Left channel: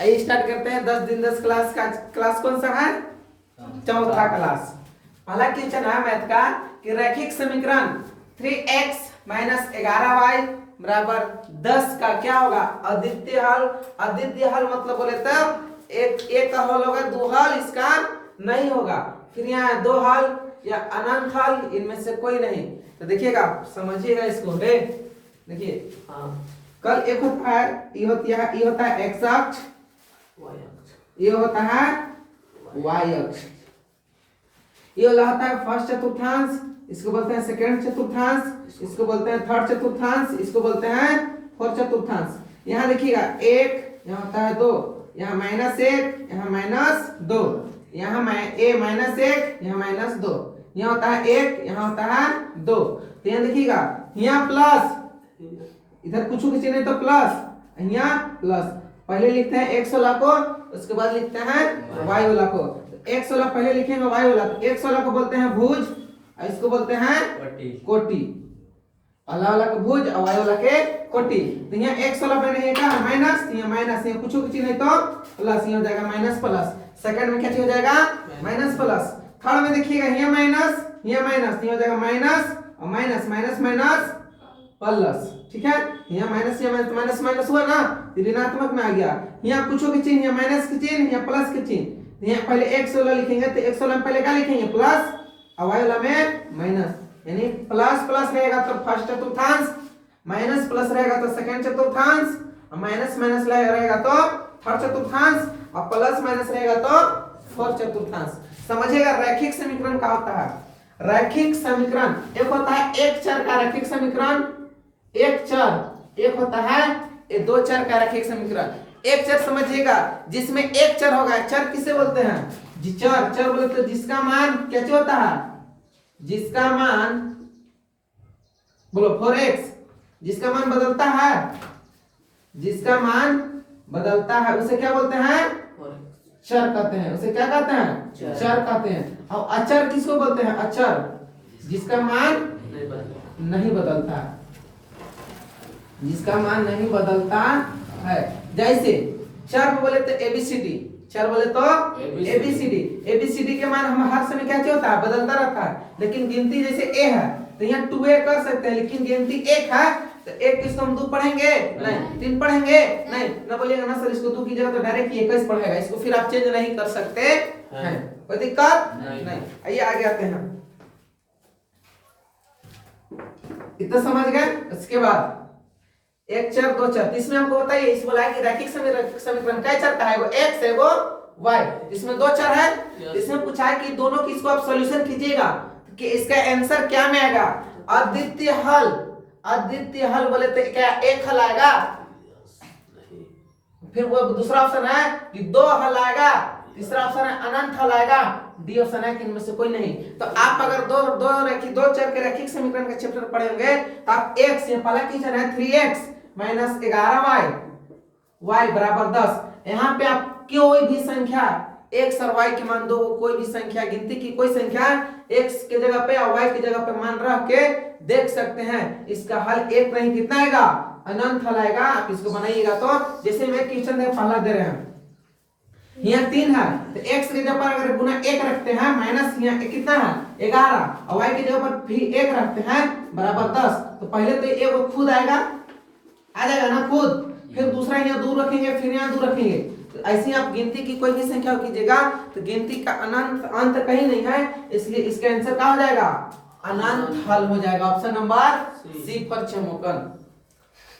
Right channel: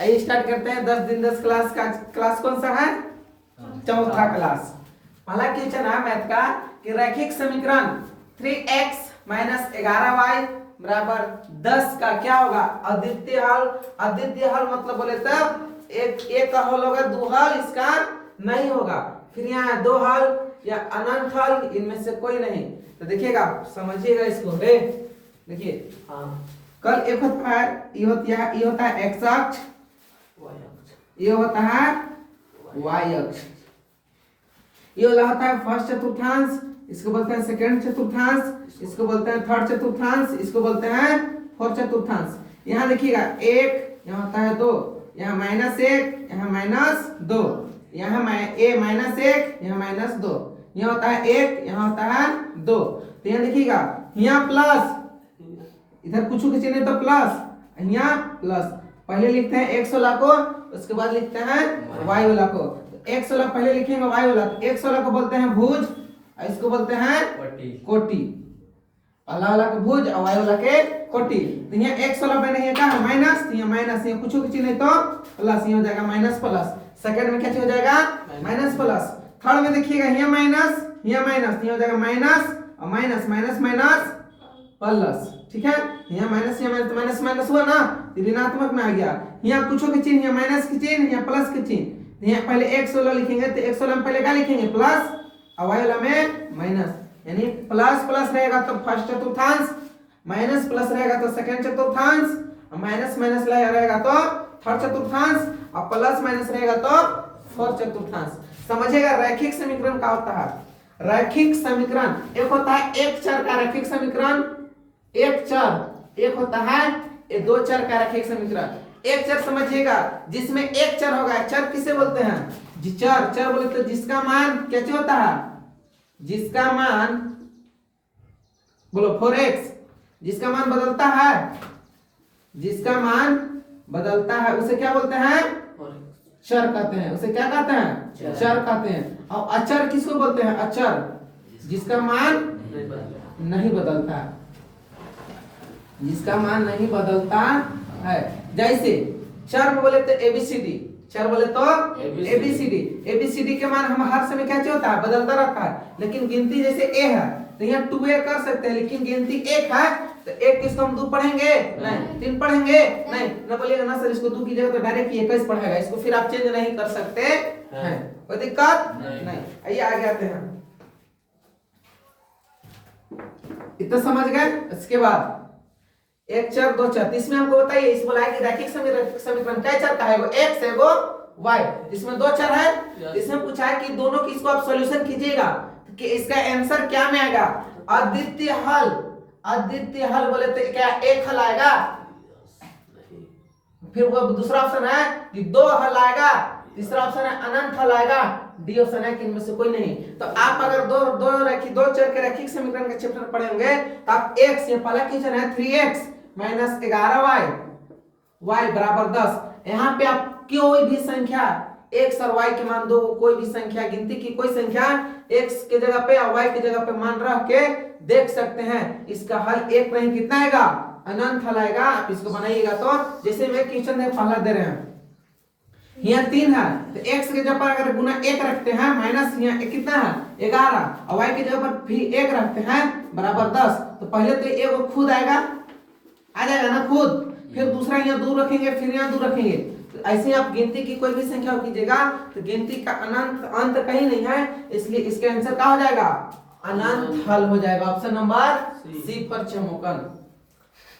आइए स्टार्ट करते हैं 10 दिन 10 क्लास का। क्लास कौन सा है? चौथा क्लास। पहला क्वेश्चन है मैथ का कि रैखिक समीकरण 3x माइनस 11y बराबर 10 का क्या होगा? अद्वितीय हल। अद्वितीय हल मतलब बोले तब एक का हल होगा, दो हल इसका नहीं होगा। फिर यहाँ दो हल या अनंत हल, इनमें से कोई नहीं। तो देखिएगा, समझिएगा इसको। देखिए कल एक होता है, ये होता है x अक्ष, ये होता है y अक्ष। ये वाला होता है फर्स्ट चतुर्थांश, इसको बोलते हैं सेकंड चतुर्थांश, इसको बोलते हैं थर्ड चतुर्थांश, इसको बोलते हैं फोर्थ चतुर्थांश। यहाँ देखिएगा एक, यहाँ होता है दो, यहाँ माइनस एक, यहाँ माइनस दो, यहाँ माइनस एक, यहाँ माइनस दो, यहाँ होता है एक, यहाँ होता है दो। तो यहाँ देखिएगा, यहाँ प्लस, इधर कुछ की चिन्ह तो प्लस, यहाँ प्लस। पहले लिखते हैं x वाला को, उसके बाद लिखते हैं y वाला को। x वाला पहले लिखेंगे y वाला। x वाला को बोलते हैं भुज और इसको बोलते हैं कोटि। पहला वाला को भुज और y वाला के कोटि। तो यहाँ x वाला पे नहीं है माइनस, यहाँ माइनस, यहाँ कुछ की चिन्ह तो प्लस, यहाँ हो जाएगा माइनस प्लस। सेकंड में क्या चीज हो जाएगा? Minus plus. थर्ड में देखिएगा, यहाँ माइनस, यहाँ माइनस, यहाँ हो जाएगा माइनस और माइनस, माइनस माइनस प्लस। ठीक है, यहाँ माइनस, यहाँ माइनस माइनस हुआ ना, ऋणात्मक में आ गया। यहाँ कुछ की चिन्ह, यहाँ माइनस की चिन्ह, यहाँ प्लस की चिन्ह। यहाँ पहले x वाला लिखेंगे तो x वाला में पहले क्या लिखेंगे? प्लस, और y वाला में माइनस। यानी प्लस प्लस रहेगा तो फर्स्ट चतुर्थांश, माइनस प्लस रहेगा तो सेकंड चतुर्थांश, और माइनस माइनस रहेगा तो थर्ड चतुर्थांश, और प्लस माइनस रहेगा तो फोर्थ चतुर्थांश। समझिएगा, रैखिक समीकरण क्या होता है? रैखिक समीकरण एक होता है एक चर का रैखिक समीकरण, एक चर, एक होता है दो चर का रैखिक समीकरण। एक चर समझिएगा जिसमें एक चर होगा। चर किसे बोलते हैं? चर, चर बोलते हैं जिसका मान कैसे होता है? जिसका मान बोलो 4x, जिसका मान बदलता है, जिसका मान बदलता है उसे क्या बोलते हैं? चर कहते हैं। उसे क्या कहते हैं? चर कहते हैं। और अचर किसको बोलते हैं? अचर, जिसका मान नहीं बदलता, जिसका मान नहीं बदलता है। जैसे चर में बोले तो एबीसीडी, चर बोले तो एबीसीडी। एबीसीडी के मान हम हर समय क्या होता है? बदलता रहता है। लेकिन गिनती जैसे ए है तो यहाँ 2a कर सकते हैं, लेकिन गिनती एक है तो एक किसको हम 2 पढ़ेंगे? नहीं। 3 पढ़ेंगे? नहीं। ना बोलिएगा ना सर इसको 2 की जगह तो डायरेक्ट 21 पढ़ेगा, इसको फिर आप चेंज नहीं कर सकते हैं। कोई दिक्कत नहीं। आइए आगे आते हैं। इतना समझ गए? इसके बाद एक चर दो चर, इसमें हमको बताइए, इसमें बोला है कि रैखिक समीकरण कै चर का है? वो x है, वो y। इसमें दो चर है। इसमें पूछा है कि दोनों की इसको आप सॉल्यूशन कीजिएगा कि इसका आंसर क्या में आएगा? अद्वितीय हल। अद्वितीय हल बोले तो क्या एक हल आएगा? फिर वो दूसरा ऑप्शन है कि दो हल आएगा, तीसरा ऑप्शन है अनंत हल आएगा, डी ऑप्शन है कि इनमें से कोई नहीं। तो आप अगर दो चर के रैखिक समीकरण का चैप्टर पढ़ेंगे तो आप x, ये पहला क्वेश्चन है 3x माइनस 11y, y बराबर 10। यहाँ पे आप कोई भी संख्या x और y के मान दो, कोई भी संख्या, गिनती की कोई संख्या x के जगह पे और y की जगह पे मान रख के देख सकते हैं। इसका हल एक नहीं, कितना आएगा? अनंत हल आएगा। आप इसको बनाइएगा तो जैसे वे क्वेश्चन है पहला दे रहे हैं, यहाँ 3 है तो x के जगह पर अगर गुना 1 रखते हैं, माइनस यहाँ कितना है? 11, और y की जगह पर भी 1 रखते हैं बराबर 10। तो पहले तो ये वो खुद आएगा, आ जाएगा ना खुद। फिर दूसरा यहाँ 2 रखेंगे, फिर यहाँ 2 रखेंगे। तो ऐसे आप गिनती की कोई भी संख्या कीजिएगा तो गिनती का अनंत अंत कहीं नहीं है, इसलिए इसका आंसर क्या हो जाएगा? अनंत हल हो जाएगा। ऑप्शन नंबर सी पर चमोकन।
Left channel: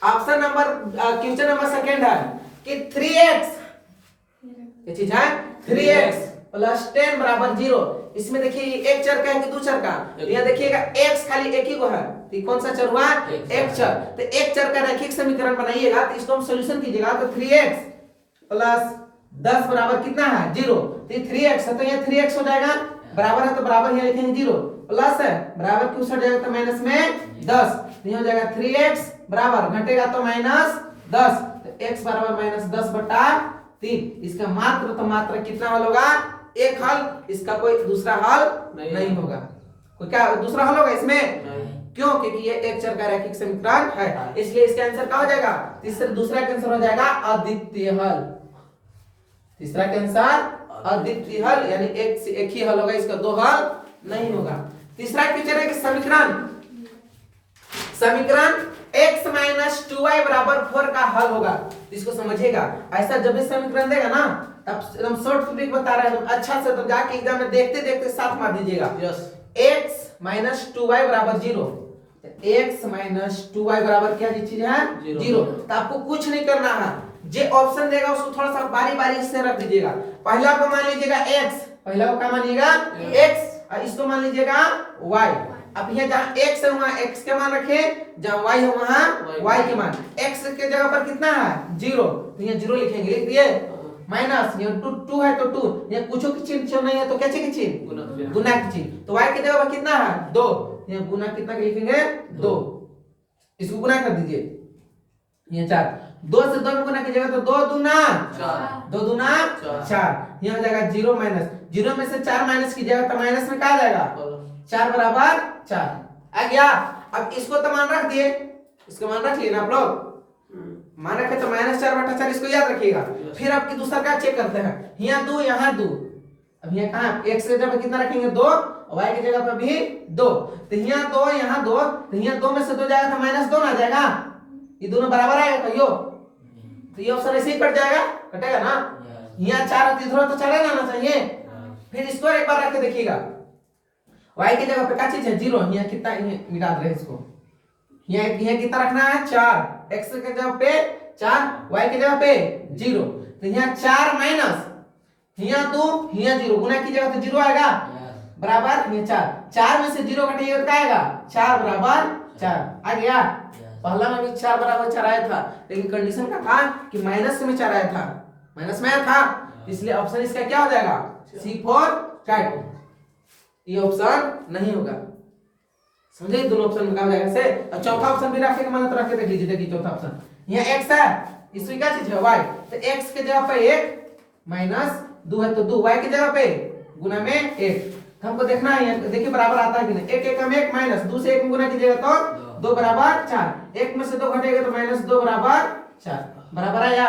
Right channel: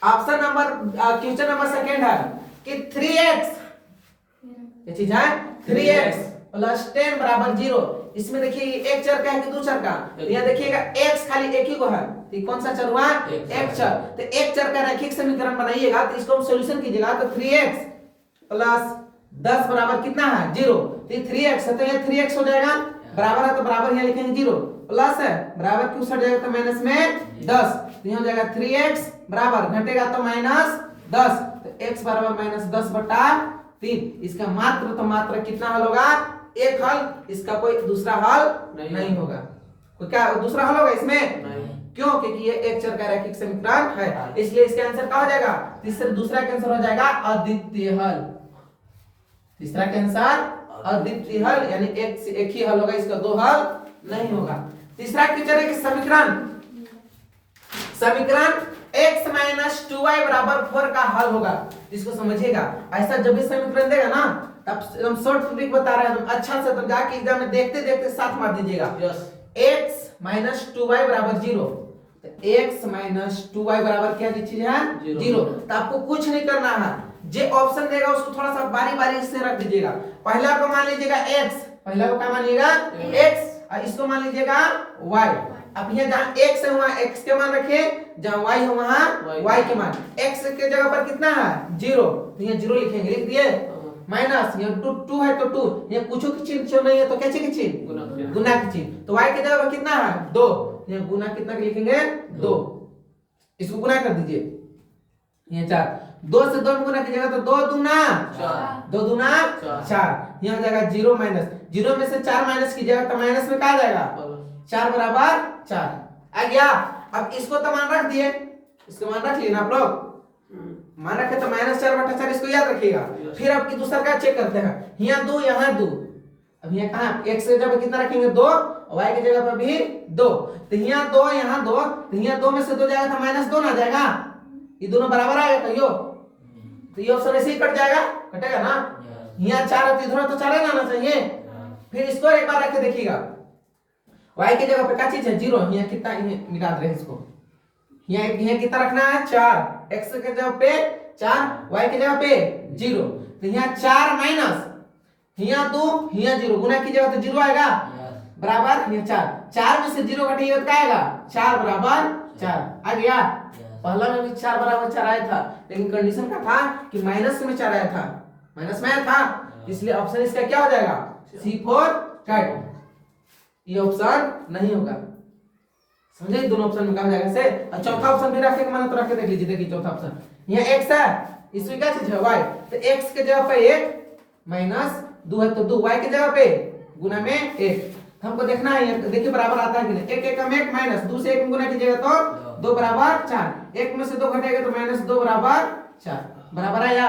Option number question number second है कि 3x, ये चीज है 3x प्लस 10 बराबर 0। इसमें देखिए एक चर का है कि दो चर का? तो यहाँ देखिएगा x खाली एक ही को है, तो कौन सा चर हुआ? एक चर। तो एक चर का रैखिक समीकरण बनाइएगा तो इसको हम सॉल्यूशन कीजिएगा तो 3x प्लस 10 बराबर कितना है? 0। तो ये 3x है तो ये 3x हो जाएगा, बराबर है तो बराबर यहाँ लिखेंगे 0, प्लस है बराबर क्यों सट जाएगा तो माइनस में 10, तो यहाँ हो जाएगा 3x बराबर घटेगा तो माइनस 10, तो x बराबर माइनस 10 बटा 3। इसका मात्र तो मात्र कितना हल होगा? एक हल। इसका कोई दूसरा हल नहीं होगा। कोई क्या दूसरा हल होगा इसमें? नहीं। क्यों? क्योंकि ये एक चर का रैखिक समीकरण है, इसलिए इसका आंसर क्या हो जाएगा? तीसरा दूसरा का आंसर हो जाएगा अद्वितीय हल। तीसरा के अनुसार अद्वितीय हल यानी एक ही हल होगा, इसका दो हल नहीं होगा। तीसरा क्वेश्चन है कि समीकरण x माइनस 2y बराबर 4 का हल होगा। इसको समझिएगा, ऐसा जब भी समीकरण देगा ना तब हम शॉर्ट ट्रिक बता रहे हैं, अच्छा से तो जाके एग्जाम में देखते देखते साथ मार दीजिएगा। x माइनस 2y बराबर 0, x माइनस 2y बराबर क्या चीज है? 0। तो आपको कुछ नहीं करना है, जो ऑप्शन देगा उसको थोड़ा सा बारी बारी से रख दीजिएगा। पहला को मान लीजिएगा x, पहला को क्या मान लीजिएगा? x, और इसको मान लीजिएगा y। अब यहाँ जहाँ x है वहाँ x के मान रखे, जहाँ y है वहाँ y के मान। x के जगह पर कितना है? 0, तो यहाँ 0 लिखेंगे, लिख दिए। माइनस यहाँ 2 है तो 2, यहाँ कुछ की चिन्ह नहीं है तो क्या की चिन्ह? गुना की चिन्ह। तो y के जगह पर कितना है? 2, यहाँ गुना कितना लिखेंगे? 2। इसको गुना कर दीजिए, यहाँ 4, 2 से 2 गुना कीजिएगा तो 2 दूना 4, यहाँ जाएगा 0 माइनस 0 में से 4 माइनस कीजिएगा तो माइनस में क्या आ जाएगा? 4 बराबर 4 आ गया। अब इसको तो मान रख दिए, इसको मान रख लिए ना आप लोग, मान रखे तो -4/4 इसको याद रखिएगा। फिर आपकी दूसरा का चेक करते हैं, यहाँ 2 यहाँ 2, अब यहाँ कहाँ x के जगह पर कितना रखेंगे? 2, y के जगह पर भी 2, तो यहाँ 2 यहाँ 2, तो यहाँ 2 में से 2 जाएगा तो -2 ना जाएगा, ये दोनों बराबर आएगा कहियो, तो ये ऑप्शन ऐसे ही कट जाएगा, कटेगा ना। यहाँ 4 और इधर तो 4 आना चाहिए। फिर इसको एक बार रख के देखिएगा, y की जगह पे क्या चीज है? 0, यहाँ कितना मिला दे इसको, यहाँ कितना रखना है? 4, x के जगह पे 4, y की जगह पे 0, तो यहाँ 4 माइनस यहाँ 2 यहाँ 0, गुना की जगह तो 0 आएगा बराबर यहाँ 4 में से 0 घटाइए तो क्या आएगा? 4 बराबर 4 आ गया। पहला में भी 4 बराबर 4 आया था, लेकिन कंडीशन का था कि माइनस में 4 आया था, माइनस में आया था, इसलिए ऑप्शन इसका क्या हो जाएगा? C4 कट, ये ऑप्शन नहीं होगा। समझे? दोनों ऑप्शन में क्या हो जाएगा से। और चौथा ऑप्शन भी रखे मान तो रख के देख लीजिए, देखिए चौथा ऑप्शन यहाँ x है, इसमें क्या चीज है? y, तो x के जगह पे 1 माइनस 2 है तो 2, y के जगह पे गुना में 1, हमको देखना है, देखिए बराबर आता है कि नहीं। 1 1 में 1 माइनस 2 से 1 गुना कीजिएगा तो 2 बराबर 4, 1 में से 2 घटेगा तो -2 बराबर 4, बराबर आया?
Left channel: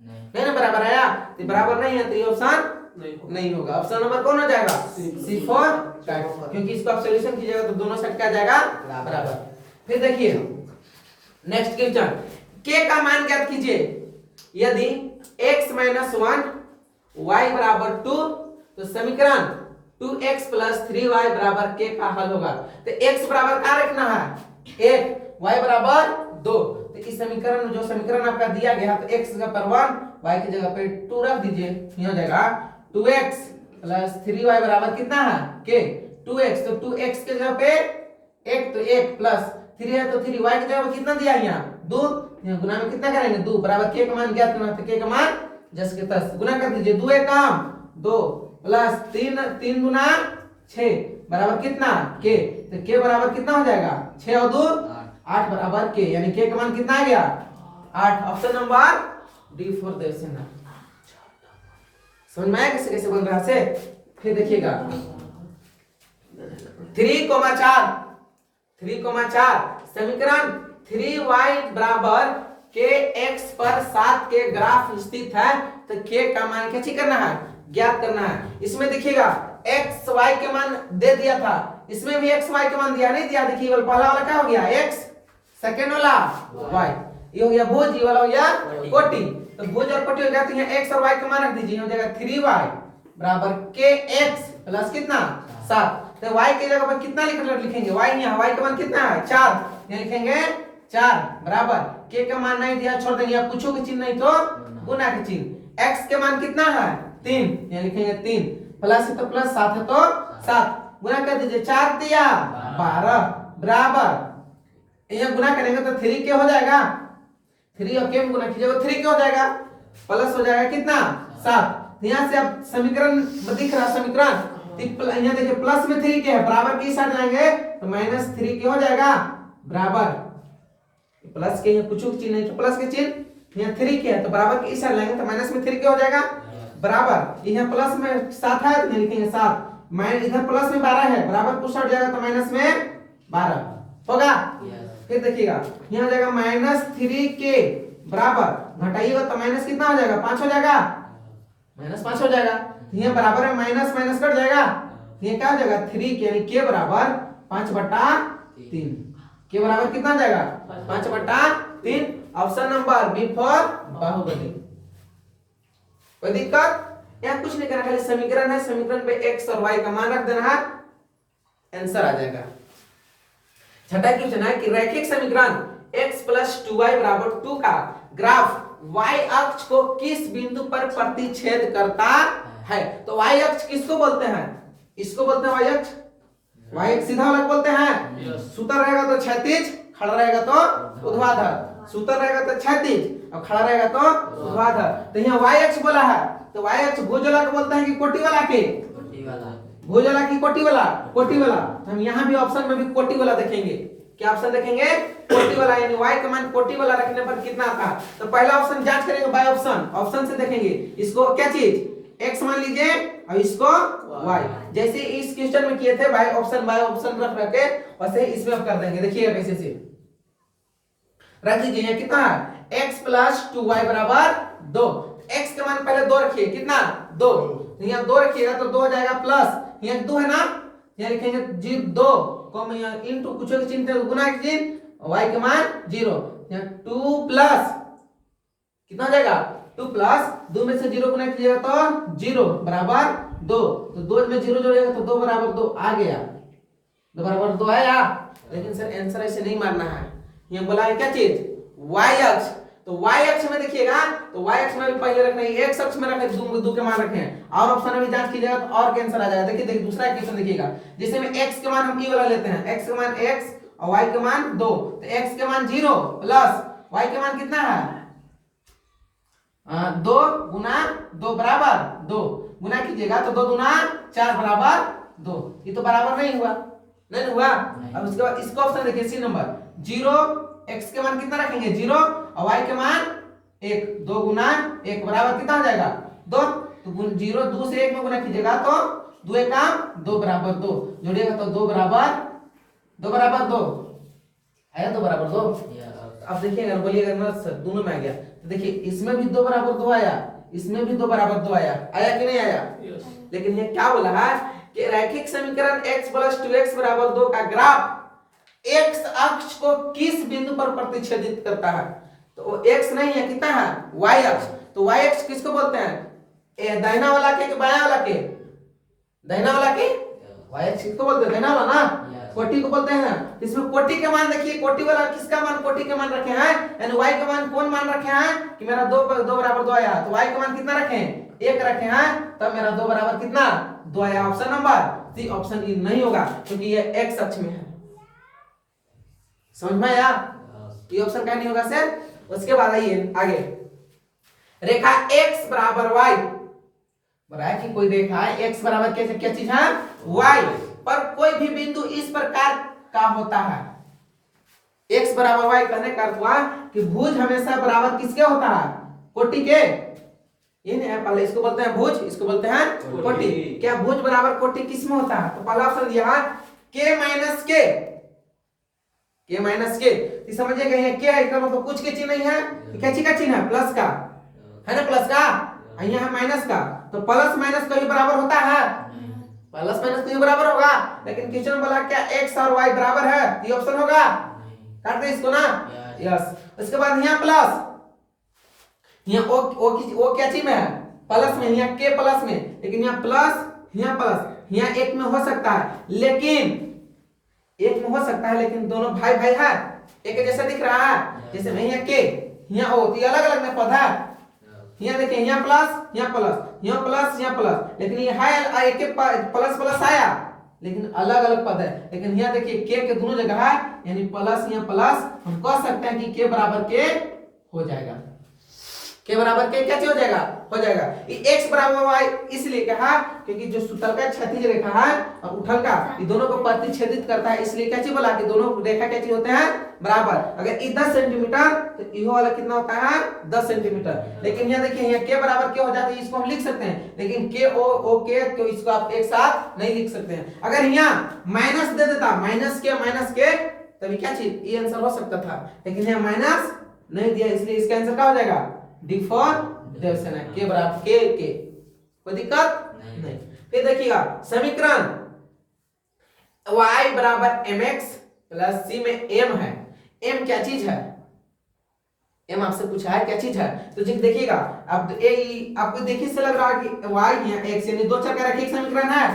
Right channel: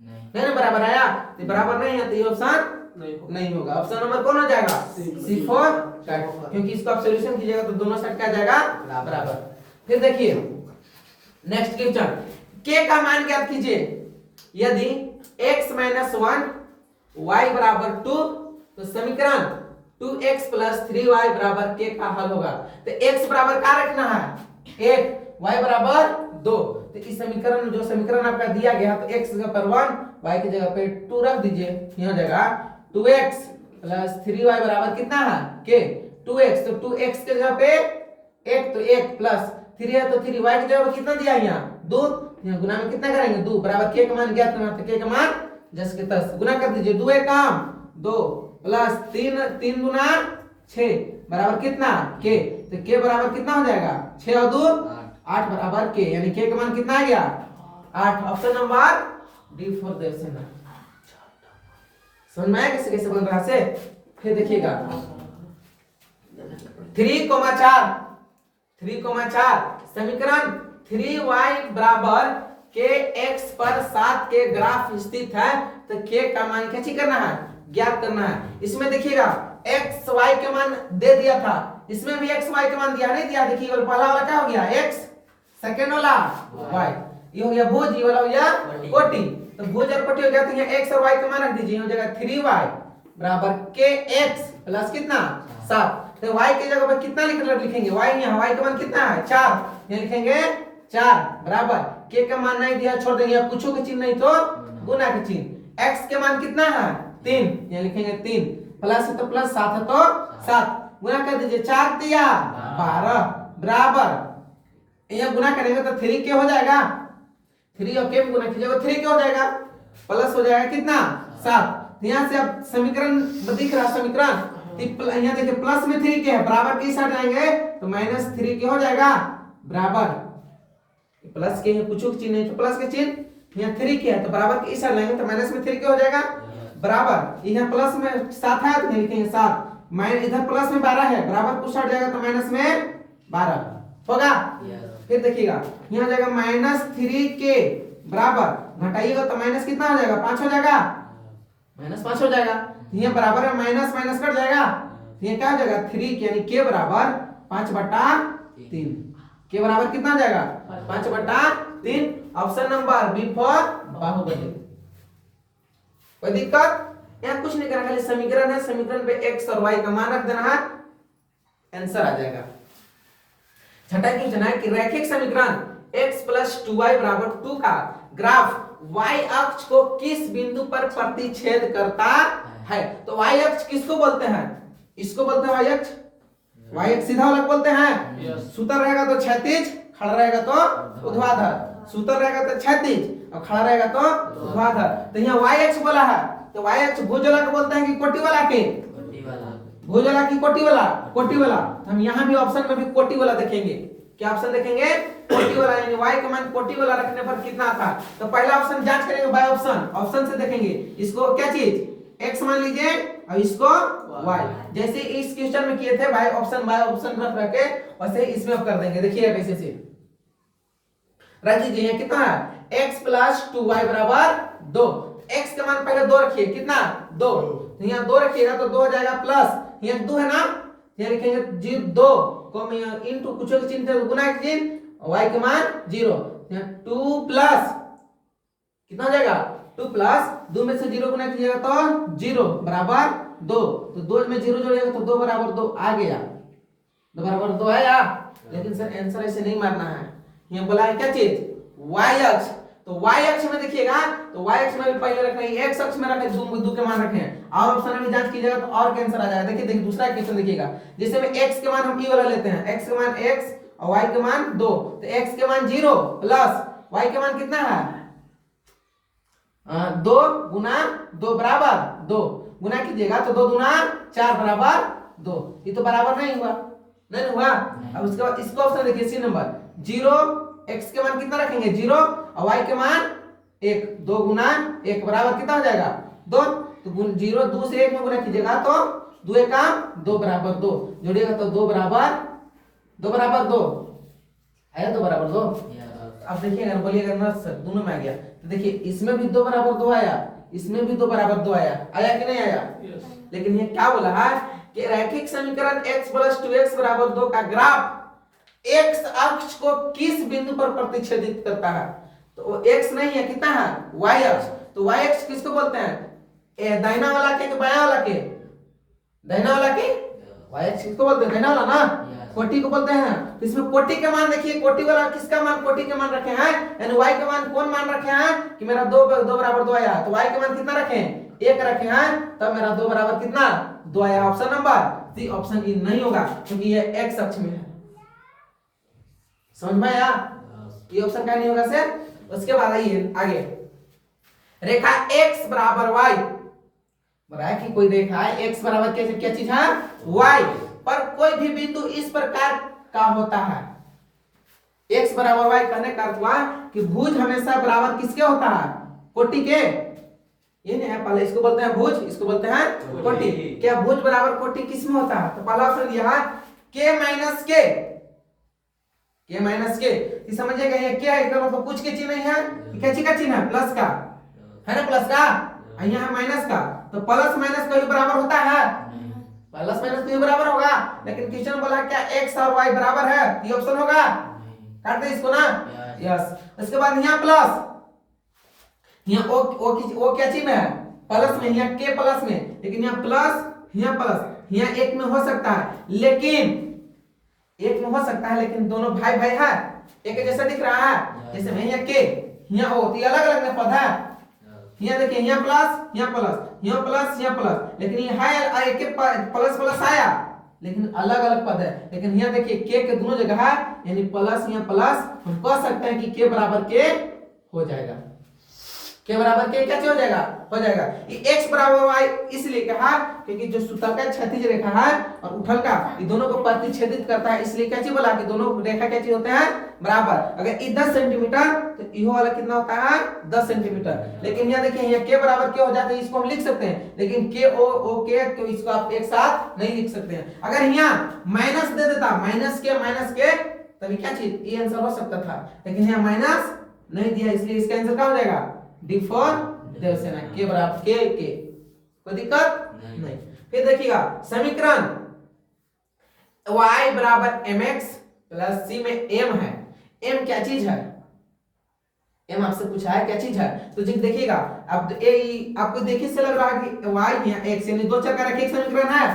नहीं ना, बराबर आया, तो बराबर नहीं है तो ये ऑप्शन नहीं होगा। ऑप्शन नंबर कौन हो जाएगा? C4 कट, क्योंकि इसको आप सॉल्यूशन कीजिएगा तो दोनों साइड क्या जाएगा? बराबर। फिर देखिए नेक्स्ट क्वेश्चन, k का मान ज्ञात कीजिए। यदि x - 1 y बराबर 2, तो समीकरण 2x + 3y बराबर k का हल होगा। तो x बराबर क्या रखना है? 1, y बराबर 2, तो इस समीकरण में जो समीकरण आपका दिया गया तो x की जगह पर 1, y की जगह पे 2 रख दीजिए, यहाँ जाएगा 2x + 3y बराबर कितना है? k, 2x, तो 2x के जगह पे 1 तो 1 प्लस 3 है तो 3, y की जगह पे कितना दिया यहाँ? 2, यहाँ गुना में कितना करेंगे? 2 बराबर k का मान ज्ञात करना, तो k का मान 10 के 10 गुना कर दीजिए, 2 1 काम 2 प्लस 3 गुना 6 बराबर कितना? k, तो k बराबर कितना हो जाएगा? 6 और 2 8 बराबर k, यानी k का मान कितना आ गया? 8। Option number D for their से ना। समझ में आया कैसे कैसे बन रहा से? फिर देखिएगा 3,4 समीकरण 3y बराबर kx पर 7 के ग्राफ स्थित है, तो k का मान क्या करना है? ज्ञात करना है। इसमें देखिएगा x y के मान दे दिया था, इसमें भी x y के मान दिया नहीं दिया? देखिए पहला वाला क्या हो गया? x, सेकंड वाला y, ये हो गया भुज, ये वाला हो गया कोटि। तो भुज और कोटि हो गया, तो यहाँ x और y का मान रख दीजिए, हो जाएगा 3y बराबर kx प्लस कितना? 7, तो y के जगह पर कितना लिखेंगे? y यहाँ y का मान कितना है? 4, यहाँ लिखेंगे 4 बराबर k का मान नहीं दिया, छोड़ देंगे, पूछो के चिन्ह नहीं तो गुना के चिन्ह। x के मान कितना है? 3, यहाँ लिखेंगे 3, प्लस है तो प्लस, 7 है तो 7, गुना कर दीजिए, 4 दिया 12 बराबर, यहाँ गुना करेंगे तो 3 के हो जाएगा, 3 और के में गुना कीजिएगा 3 के हो जाएगा, प्लस हो जाएगा कितना? 7। यहाँ से अब समीकरण दिख रहा समीकरण, यहाँ देखिए प्लस में 3 के है, बराबर की साइड लाएंगे तो -3 के हो जाएगा बराबर, प्लस के कुछ चिन्ह नहीं तो प्लस के चिन्ह, यहाँ 3 के है तो बराबर की साइड लाएंगे तो माइनस में 3 के हो जाएगा बराबर, यहाँ प्लस में 7 है तो लिखेंगे 7, माइनस इधर प्लस में 12 है, बराबर कुछ हट जाएगा तो माइनस में 12 होगा। फिर देखिएगा यहाँ जाएगा -3 के बराबर, घटाइएगा तो माइनस कितना हो जाएगा? 5 हो जाएगा, -5 हो जाएगा। तो ये बराबर में माइनस माइनस कट जाएगा, ये क्या हो जाएगा 3 यानी के बराबर 5/3। के बराबर कितना हो जाएगा 5/3। ऑप्शन नंबर बी फॉर बाहुबली। कोई दिक्कत? यहाँ कुछ नहीं करना, खाली समीकरण है, समीकरण पे x और y का मान रख देना है, आंसर आ जाएगा। छठा क्वेश्चन है कि रैखिक समीकरण x + 2y = 2 का ग्राफ y अक्ष को किस बिंदु पर प्रतिच्छेद करता है? तो y अक्ष किसको बोलते हैं? इसको बोलते हैं y अक्ष। y अक्ष सीधा वाला बोलते हैं। सूत्र रहेगा तो क्षैतिज, खड़ा रहेगा तो ऊर्ध्वाधर। सूत्र रहेगा तो क्षैतिज और खड़ा रहेगा तो ऊर्ध्वाधर। तो यहाँ y अक्ष बोला है, तो y अक्ष भुजोला को बोलते हैं कि कोटि वाला के? भुजोला की कोटि वाला? कोटि वाला। हम यहाँ भी ऑप्शन में भी कोटि वाला देखेंगे। क्या ऑप्शन देखेंगे? कोटि वाला, यानी y का मान कोटि वाला रखने पर कितना आता? तो पहला ऑप्शन जांच करेंगे बाय ऑप्शन। ऑप्शन से देखेंगे इसको क्या चीज x मान लीजिए और इसको y, जैसे इस क्वेश्चन में किए थे बाय ऑप्शन रख रखे, वैसे इसमें आप कर देंगे। देखिए कैसे से रख लीजिए। ये कितना है? x + 2y = 2। x का मान पहले 2 रखिए, कितना 2, तो यहाँ 2 रखिएगा तो 2 हो जाएगा प्लस, यहाँ 2 है ना, यहाँ लिखेंगे 2 कम इनटू कुछ के चिन्ह थे गुना के चिन्ह, y का मान 0, यहाँ 2 प्लस कितना हो जाएगा 2 प्लस 2 में से 0 गुना कीजिएगा तो 0 बराबर 2, तो 2 में 0 जोड़िएगा तो 2 बराबर 2 आ गया, 2 बराबर 2 आया। लेकिन सर आंसर ऐसे नहीं मारना है, ये बोला है क्या चीज y अक्ष। तो y अक्ष में देखिएगा तो y अक्ष में भी पहले रखना है, x अक्ष में रखे 2 के मान रखे हैं, और ऑप्शन में भी जांच कीजिएगा तो और का आंसर आ जाएगा। देखिए दूसरा क्वेश्चन देखिएगा, जिसमें x के मान हम ई वाला लेते हैं, x के मान x और y के मान 2, तो x के मान 0 प्लस y के मान कितना है 2 गुना 2 बराबर 2, गुना कीजिएगा तो 2 दूना 4 बराबर 2, ये तो बराबर नहीं हुआ, नहीं हुआ। अब उसके बाद इसको ऑप्शन देखिए सी नंबर 0, x के मान कितना रखेंगे 0 और y के मान 1, 2 गुना 1 बराबर कितना हो जाएगा 2, तो 0 2 से 1 में गुना कीजिएगा तो 2 एकम 2 बराबर 2, जोड़िएगा तो 2 बराबर 2 आया, 2 बराबर 2। अब देखिएगा बोलिएगा ना सर दोनों में आ गया, तो देखिए इसमें भी 2 बराबर 2 आया, इसमें भी 2 बराबर 2 आया, आया कि नहीं आया? लेकिन ये क्या बोला है कि रैखिक समीकरण x + 2x = 2 का ग्राफ x अक्ष को किस बिंदु पर प्रतिच्छेदित करता है? तो x नहीं है, कितना है y अक्ष। तो y अक्ष किसको बोलते हैं? दाहिना वाला के बायां वाला के? दाहिना वाला के y अक्ष किसको बोलते हैं? दाहिना वाला ना, कोटि को बोलते हैं। इसमें कोटि का मान देखिए, कोटि वाला किसका मान कोटि के मान रखे हैं, यानी y का मान कौन मान रखे हैं कि मेरा 2 बराबर 2 आया, तो y का मान कितना रखे हैं 1 रखे हैं, तब मेरा 2 बराबर कितना 2 आया। Option number C, option E नहीं होगा क्योंकि ये x अक्ष में है। समझ में आया? ये ऑप्शन क्या नहीं होगा सर। उसके बाद आइए आगे, रेखा x बराबर y, बराबर कि कोई रेखा है x बराबर क्या चीज है y पर कोई भी बिंदु इस प्रकार का होता है। x बराबर y कहने का अर्थ हुआ कि भुज हमेशा बराबर किसके होता है? कोटि के। ये नहीं है, पहले इसको बोलते हैं भुज, इसको बोलते हैं कोटि। क्या भुज बराबर कोटि किस में होता है? तो पहला ऑप्शन दिया है k - k, समझिएगा ये क्या है, इसका मतलब कुछ के चिन्ह नहीं है, क्या चीज का चिन्ह है प्लस का, है ना, प्लस का, यहाँ है माइनस का, तो प्लस माइनस कभी बराबर होता है? प्लस माइनस कभी बराबर होगा, लेकिन क्वेश्चन बोला क्या x और y बराबर है, ये ऑप्शन होगा, काट दे इसको ना, यस। उसके बाद यहाँ प्लस, यहाँ ओ क्या चिन्ह है प्लस में, यहाँ k प्लस में, लेकिन यहाँ प्लस यहाँ एक में हो सकता है, लेकिन दोनों भाई है, एक जैसा दिख रहा है, जैसे में यहाँ के यहाँ ओ, तो अलग अलग में पद है, यहाँ देखिए यहाँ प्लस, लेकिन ये है एक प्लस आया, लेकिन अलग अलग पद है। लेकिन यहाँ देखिए के दोनों जगह है, यानी प्लस यहाँ प्लस, हम कह सकते हैं कि के बराबर के हो जाएगा, के बराबर के क्या हो जाएगा ये x बराबर y इसलिए कहा क्योंकि जो सुतल का क्षैतिज रेखा है और उठल का, ये दोनों को प्रतिच्छेदित करता है, इसलिए क्या चीज बोला कि दोनों रेखा क्या चीज होते हैं बराबर। अगर ये 10 सेंटीमीटर तो ये वाला कितना होता है 10 सेंटीमीटर। लेकिन यहाँ देखिए यहाँ के बराबर के हो जाता है, इसको हम लिख सकते हैं, लेकिन के ओ के तो इसको आप एक साथ नहीं लिख सकते हैं। अगर यहाँ माइनस दे देता माइनस के तभी क्या चीज ये आंसर हो सकता था, लेकिन यहाँ माइनस नहीं दिया, इसलिए इसका आंसर क्या हो जाएगा डी फॉर देवसेना, के बराबर के। कोई दिक्कत नहीं। फिर देखिएगा समीकरण y बराबर mx प्लस c में m है। m क्या चीज है? m आपसे पूछा है क्या चीज है, तो जी देखिएगा अब आपको देखिए से लग रहा है कि y या x यानी दो चर का रैखिक समीकरण है।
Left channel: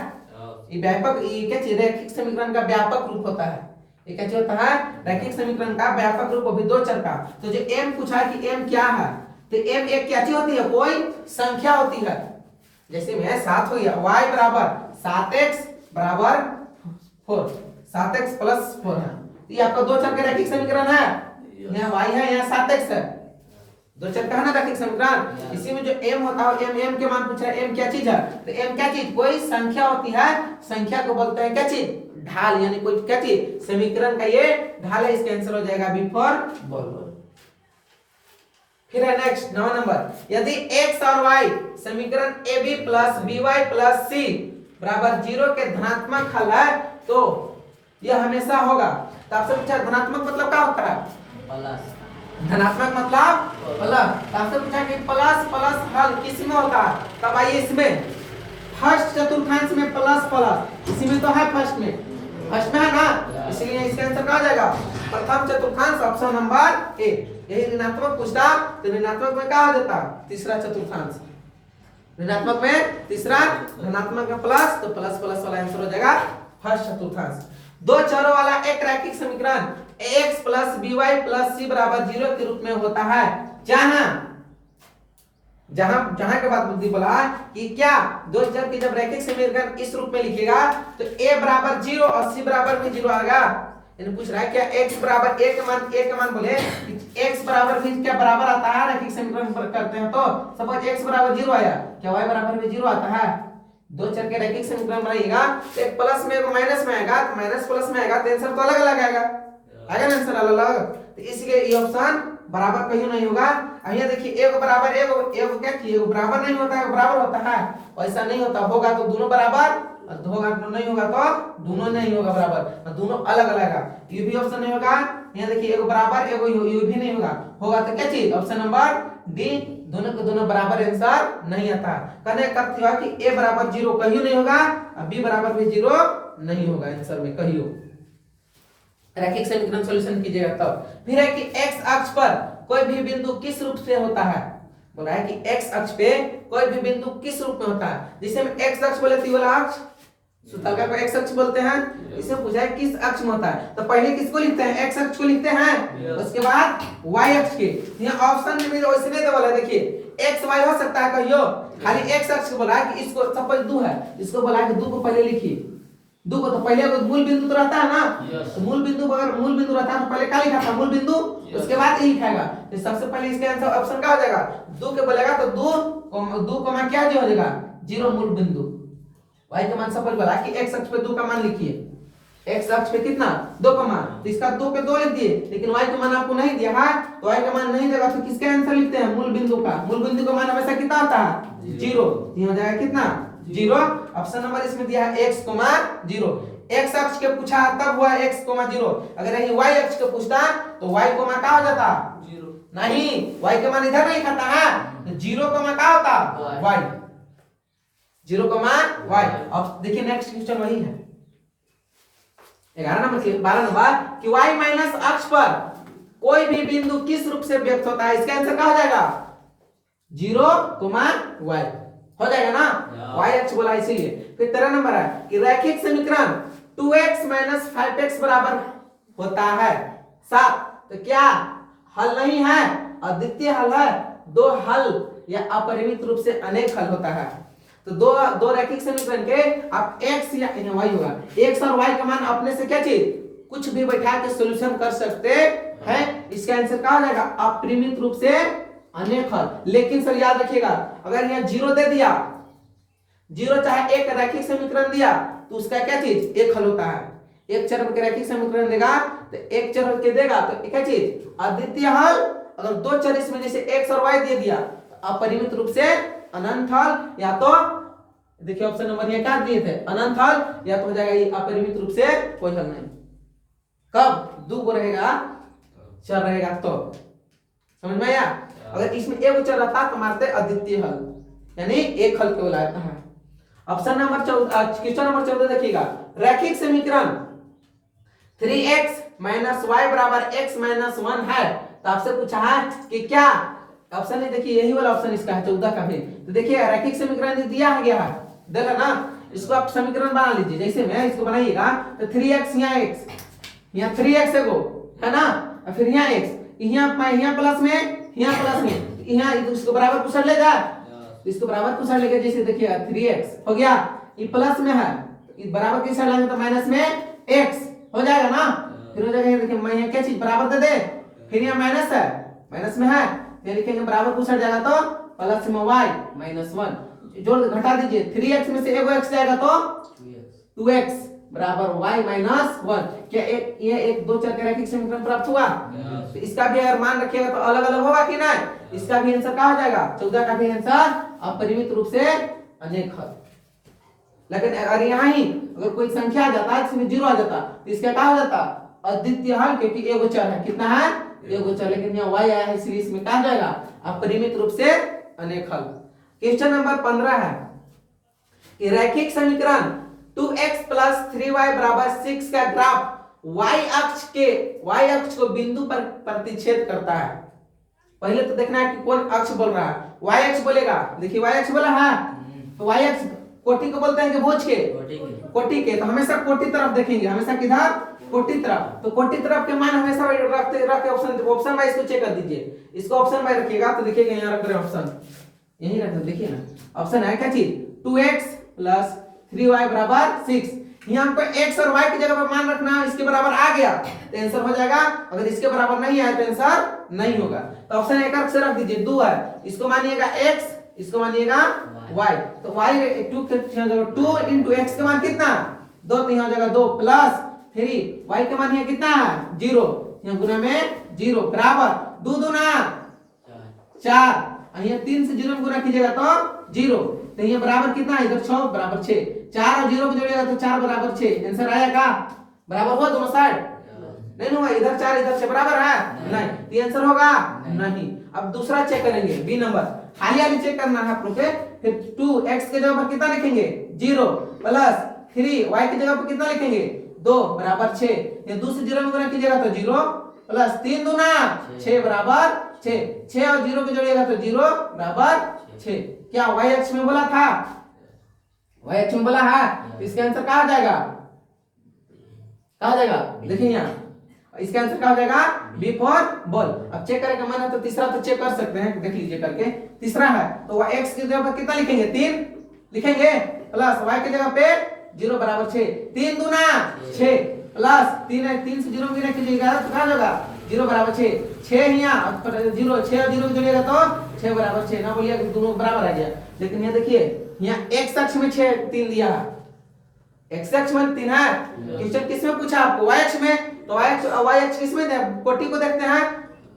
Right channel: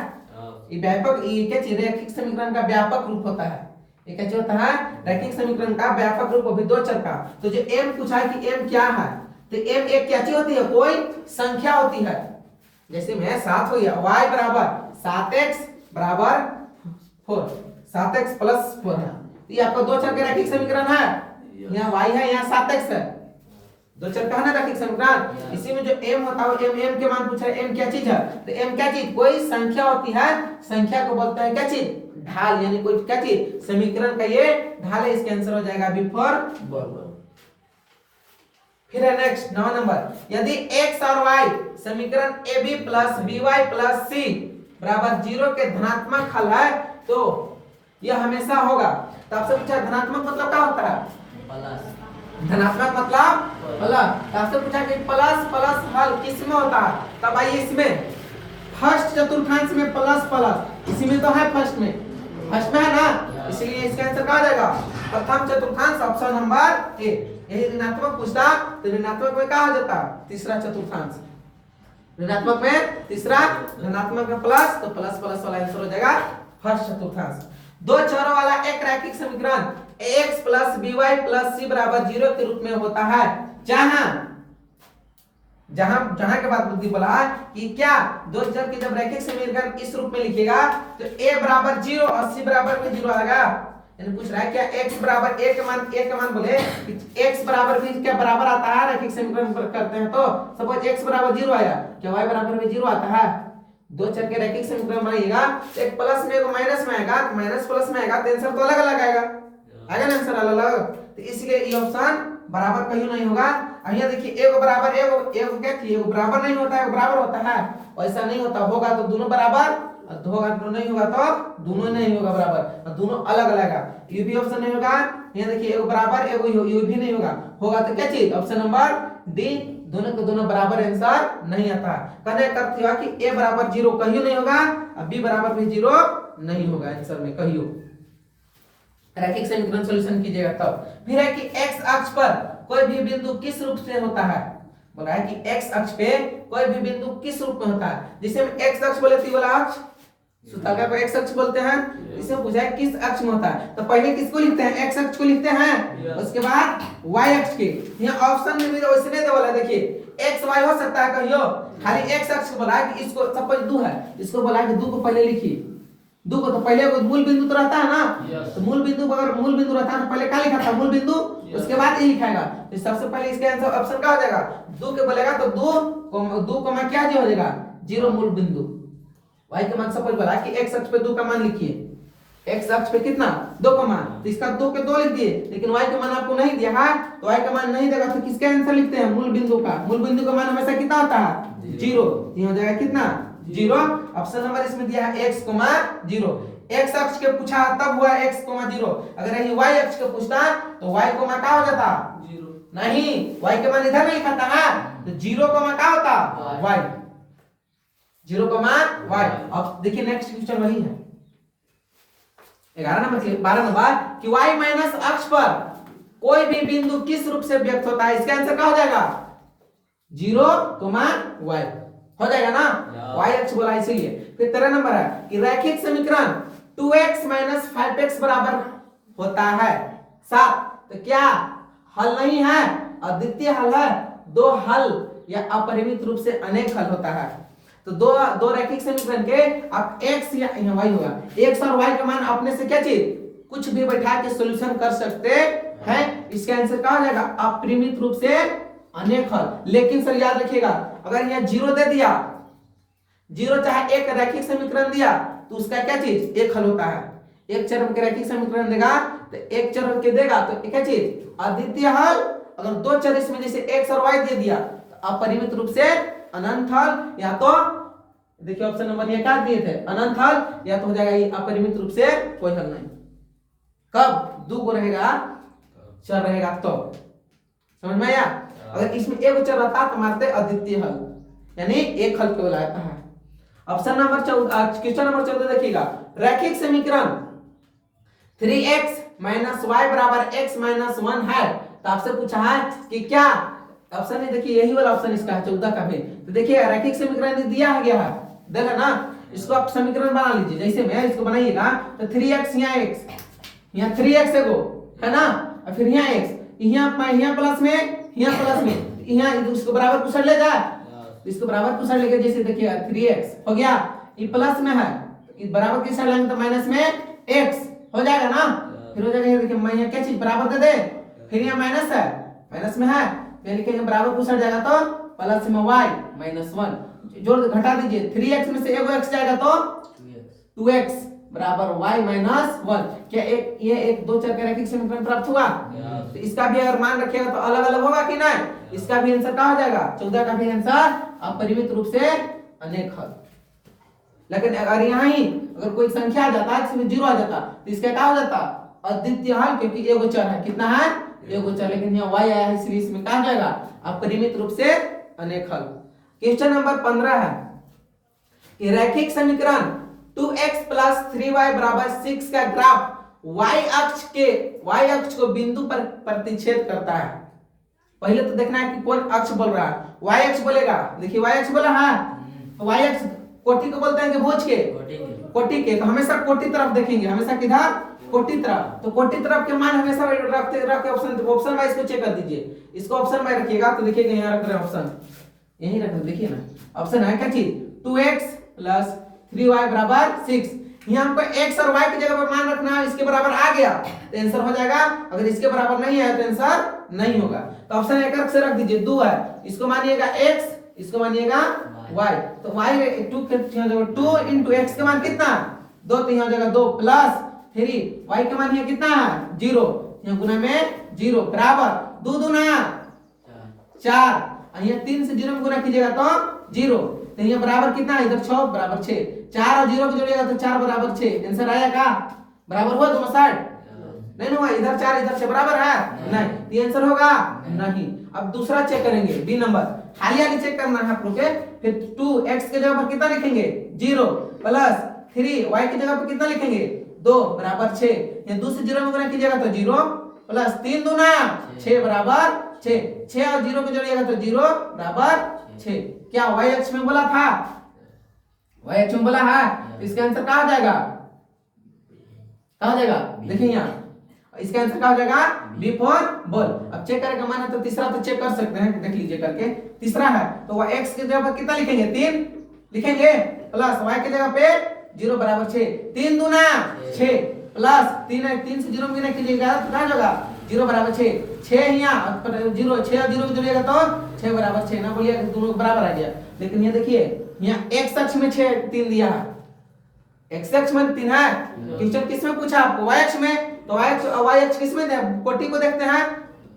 ये व्यापक, ये क्या चीज रैखिक समीकरण का व्यापक रूप होता है। ये क्या होता है? रैखिक समीकरण का व्यापक रूप भी दो चर का। तो जो m पूछा है कि m क्या है, तो m एक क्या चीज होती है? कोई संख्या होती है। जैसे में 7 हो गया, y बराबर 7x बराबर 4, 7x प्लस 4 है। ये आपका दो चर का रैखिक समीकरण है। यहाँ y है, यहाँ 7x है, दो चर का है ना रैखिक समीकरण। इसी में जो m होता है m के मान पूछा है, m क्या चीज है? तो m क्या चीज? कोई संख्या होती है। संख्या को बोलते हैं क्या चीज? ढाल, यानी कोई क्या चीज? समीकरण का ये ढाल है। इसका आंसर हो जाएगा बी फॉर बॉल। फिर है नेक्स्ट 9 नंबर, यदि x और y समीकरण ab plus by plus c बराबर 0 के धनात्मक हल है तो यह हमेशा होगा। तो आपसे पूछा धनात्मक मतलब क्या होता है? प्लस। धनात्मक मतलब प्लस। तो आपसे पूछा कि प्लस प्लस हल किस में होता है? तब आइए इसमें फर्स्ट चतुर्थांश में प्लस प्लस, इसी में तो है फर्स्ट में है ना, इसलिए इसका आंसर क्या हो जाएगा? प्रथम चतुर्थांश, ऑप्शन नंबर ए। यही ऋणात्मक पूछता तो ऋणात्मक में क्या हो जाता? तीसरा चतुर्थांश। ऋणात्मक में तीसरा, धनात्मक में प्लस, तो प्लस प्लस वाला आंसर हो जाएगा फर्स्ट चतुर्थांश। दो चरों वाला एक रैखिक समीकरण ax plus by plus c बराबर 0 के रूप में होता है जहां जहां जहां के बाद बुद्धि बोला कि क्या दो चर के जब रैखिक समीकरण इस रूप में लिखिएगा तो a बराबर 0 और c बराबर भी 0 आएगा। यानी पूछ रहा है क्या x बराबर a का मान बोले x बराबर भी क्या बराबर आता है रैखिक समीकरण पर करते हैं तो सपोज x बराबर 0 आया, क्या y बराबर भी 0 आता है? दो चर के रैखिक समीकरण बनाइएगा तो एक प्लस में एक माइनस में आएगा, तो माइनस प्लस में आएगा तो आंसर तो अलग अलग आएगा ना आंसर अलग अलग। तो इसलिए ये ऑप्शन बराबर कहीं नहीं होगा। यहाँ देखिए एक बराबर एक क्या किए बराबर नहीं होता है, बराबर होता है, ऐसा नहीं होता। होगा तो दोनों बराबर, होगा तो नहीं होगा तो दोनों नहीं होगा बराबर, और दोनों अलग अलग है। ये भी ऑप्शन नहीं होगा। यहाँ देखिए एक बराबर एक ये भी नहीं होगा। होगा तो क्या चीज? ऑप्शन नंबर डी, दोनों को दोनों बराबर आंसर नहीं आता। कहने का अर्थ हुआ कि a बराबर 0 कहीं नहीं होगा और b बराबर भी 0 नहीं होगा आंसर में कहीं। रैखिक समीकरण सॉल्यूशन कीजिएगा तब। फिर है कि x अक्ष पर कोई भी बिंदु किस रूप से होता है? बोला है कि x अक्ष पे कोई भी बिंदु किस रूप में होता है? जिसे हम x अक्ष बोले तो वाला अक्ष सुतलका को x अक्ष बोलते हैं। इसे पूछा है किस अक्ष में होता है, तो पहले किसको लिखते हैं? x अक्ष को लिखते हैं, उसके बाद y अक्ष के। यहाँ ऑप्शन में भी वैसे नहीं वाला देखिए x y हो सकता है कहियो, खाली x अक्ष को बोला है कि इसको सपोज 2 है, इसको बोला है कि 2 को पहले लिखिए। 2 को तो पहले मूल बिंदु तो रहता है ना, तो मूल बिंदु अगर मूल बिंदु रहता है तो पहले क्या लिखा था? मूल बिंदु, उसके बाद ये लिखाएगा। तो सबसे पहले इसके आंसर ऑप्शन क्या हो जाएगा? 2 के बोलेगा तो 2 कमा क्या जो हो जाएगा? 0 मूल बिंदु। y का मान सपोज बोला कि x अक्ष पे 2 का मान लिखिए, x अक्ष पे कितना? 2 का मान, तो इसका 2 के 2 लिख दिए, लेकिन y का मान आपको नहीं दिया है तो y का मान नहीं देगा तो किसके आंसर लिखते हैं? मूल बिंदु का। मूल बिंदु का मान हमेशा कितना होता है? 0। ये हो जाएगा कितना? 0। ऑप्शन नंबर इसमें दिया है x, 0। x अक्ष के पूछा तब हुआ x, 0। अगर यही y अक्ष के पूछता तो y को मान क्या हो जाता? 0 नहीं, y के मान इधर नहीं लिखता है तो 0 को मान क्या होता? y, 0 को मान y। अब देखिए नेक्स्ट क्वेश्चन वही है 11 नंबर से 12 नंबर कि y माइनस अक्ष पर कोई भी बिंदु किस रूप से व्यक्त होता है? इसका आंसर क्या हो जाएगा? 0, y हो जाएगा ना, y अक्ष बोला इसीलिए। फिर 13 नंबर है कि रैखिक समीकरण 2x 5x बराबर होता है 7, तो क्या हल नहीं है? अद्वितीय हल है। दो हल या अपरिमित रूप से अनेक हल होता है। तो दो रैखिक समीकरण के आप x या y होगा, x और y का मान अपने से क्या चीज कुछ भी बैठा के सॉल्यूशन कर सकते हैं। इसका आंसर क्या हो जाएगा? अपरिमित रूप से अनेक हल। लेकिन सर याद रखिएगा अगर यहाँ 0 दे दिया, 0 चाहे एक रैखिक समीकरण दिया तो उसका क्या चीज? एक हल होता है। एक चर के रैखिक समीकरण देगा तो एक चर के देगा तो क्या चीज? अद्वितीय हल। अगर दो चर इसमें जैसे x और y दे दिया तो अपरिमित रूप से अनंत हल, या तो देखिए ऑप्शन नंबर ये क्या दिए थे? अनंत हल, या तो हो जाएगा ये अपरिमित रूप से कोई हल नहीं। कब 2 को रहेगा चर रहेगा तो समझ में आया? अगर इसमें एक चर रहता तो मारते अद्वितीय हल, यानी एक हल केवल आता है। ऑप्शन नंबर 14, क्वेश्चन नंबर 14 देखिएगा, रैखिक समीकरण 3x माइनस वाई बराबर x माइनस 1 है। तो आपसे पूछा है कि क्या ऑप्शन है, देखिए यही वाला ऑप्शन इसका है 14 का भी। तो देखिए रैखिक समीकरण दिया है गया है, देखा ना, इसको आप समीकरण बना लीजिए। जैसे मैं इसको बनाइएगा तो 3x यहाँ x, यहाँ 3x एगो है ना, और फिर यहाँ x, यहाँ प्लस में, यहाँ प्लस में, यहाँ इसको बराबर कुछ ले जाए, इसको बराबर कुछ लेके जैसे देखिएगा 3x हो गया, ये प्लस में है, इस बराबर किस साइड लाएंगे तो माइनस में x हो जाएगा ना। फिर हो जाएगा ये देखिए, मैं यहाँ क्या चीज बराबर दे दे, फिर यहाँ माइनस है, माइनस में है, ये लिखेंगे बराबर कुछ जाएगा तो प्लस में y माइनस 1, जोड़ घटा दीजिए, 3x में से एगो x जाएगा तो 2x बराबर y माइनस 1। क्या ये एक दो चर के रैखिक समीकरण प्राप्त हुआ? तो इसका भी अगर मान रखिएगा तो अलग अलग होगा कि नहीं, इसका भी आंसर क्या हो जाएगा, 14 का भी आंसर अपरिमित रूप से अनेक हल। लेकिन अगर यहाँ ही अगर कोई संख्या आ जाता है इसमें 0 आ जाता तो इसका क्या हो जाता, अद्वितीय हल, क्योंकि एगो चर है, कितना है एगो चर, लेकिन यहाँ y आया है इसलिए इसमें क्या हो जाएगा, अपरिमित रूप से अनेक हल। क्वेश्चन नंबर 15 है कि रैखिक समीकरण 2x प्लस 3y बराबर 6 का ग्राफ y अक्ष को बिंदु पर प्रतिच्छेद करता है। पहले तो देखना है कि कौन अक्ष बोल रहा है, y अक्ष बोलेगा, देखिए y अक्ष बोला है, तो y अक्ष कोटि को बोलते हैं कि भुज के, कोटि के, तो हमेशा कोटि तरफ देखेंगे, हमेशा किधर, कोटि तरफ। तो कोटि तरफ के मान हमेशा रखते ऑप्शन वाइज को चेक कर दीजिए, इसको ऑप्शन वाइज रखिएगा तो देखिएगा यहाँ रख रहे हैं ऑप्शन, यही रख रहे, देखिए ना ऑप्शन है क्या चीज, 2x प्लस 3y बराबर 6। यहाँ हमको x और y की जगह पर मान रखना है, इसके बराबर आ गया तो आंसर हो जाएगा, अगर इसके बराबर नहीं आया तो आंसर नहीं होगा। तो ऑप्शन एक से रख दीजिए, 2 है, इसको मानिएगा x, इसको मानिएगा y, तो y 2 इंटू x का मान कितना, 2, तो यहाँ हो जाएगा 2 प्लस 3, y का मान यहाँ कितना है 0, यहाँ गुना में 0 बराबर 2 दूना 4, यहाँ 3 से 0 में गुना कीजिएगा तो 0, तो ये बराबर कितना है, इधर 6 बराबर 6, 4 और 0 को जोड़िएगा तो 4 बराबर 6, आंसर आया का, बराबर हुआ दोनों साइड, नहीं हुआ, इधर 4 इधर 6 बराबर है नहीं, तो ये आंसर होगा नहीं। अब दूसरा चेक करेंगे, बी नंबर हालिया चेक करना है आप लोग के, फिर 2x के जगह पर कितना लिखेंगे 0 प्लस 3y की जगह पर कितना लिखेंगे 2 बराबर 6, ये 2 से 0 में गुना कीजिएगा तो 0 प्लस 3 दूना 6 बराबर 6, 6 और 0 को जोड़िएगा तो 0 बराबर 6। क्या y अक्ष में बोला था, y अक्ष में बोला है, इसका आंसर क्या हो जाएगा, क्या हो जाएगा, देखिए यहाँ इसका आंसर क्या हो जाएगा, बी फॉर बॉल। अब चेक करेगा मन है तो तीसरा तो चेक कर सकते हैं, देख लीजिए करके, तीसरा है तो वह x की जगह पर कितना लिखेंगे 3 लिखेंगे, प्लस y की जगह पे 0 बराबर 6, 3 दूना 6 प्लस 3 है, 3 से 0 में कीजिएगा तो क्या होगा 0 बराबर 6, 6 यहाँ 0, 6 और 0 को जोड़िएगा तो 6 बराबर 6, ना बोलिए दोनों बराबर आ गया। लेकिन ये देखिए यहाँ x अक्ष में 6 3 दिया है, x अक्ष में 3 है, क्वेश्चन किस में पूछा आपको y अक्ष में, तो y अक्ष किस में, कोटि को देखते हैं,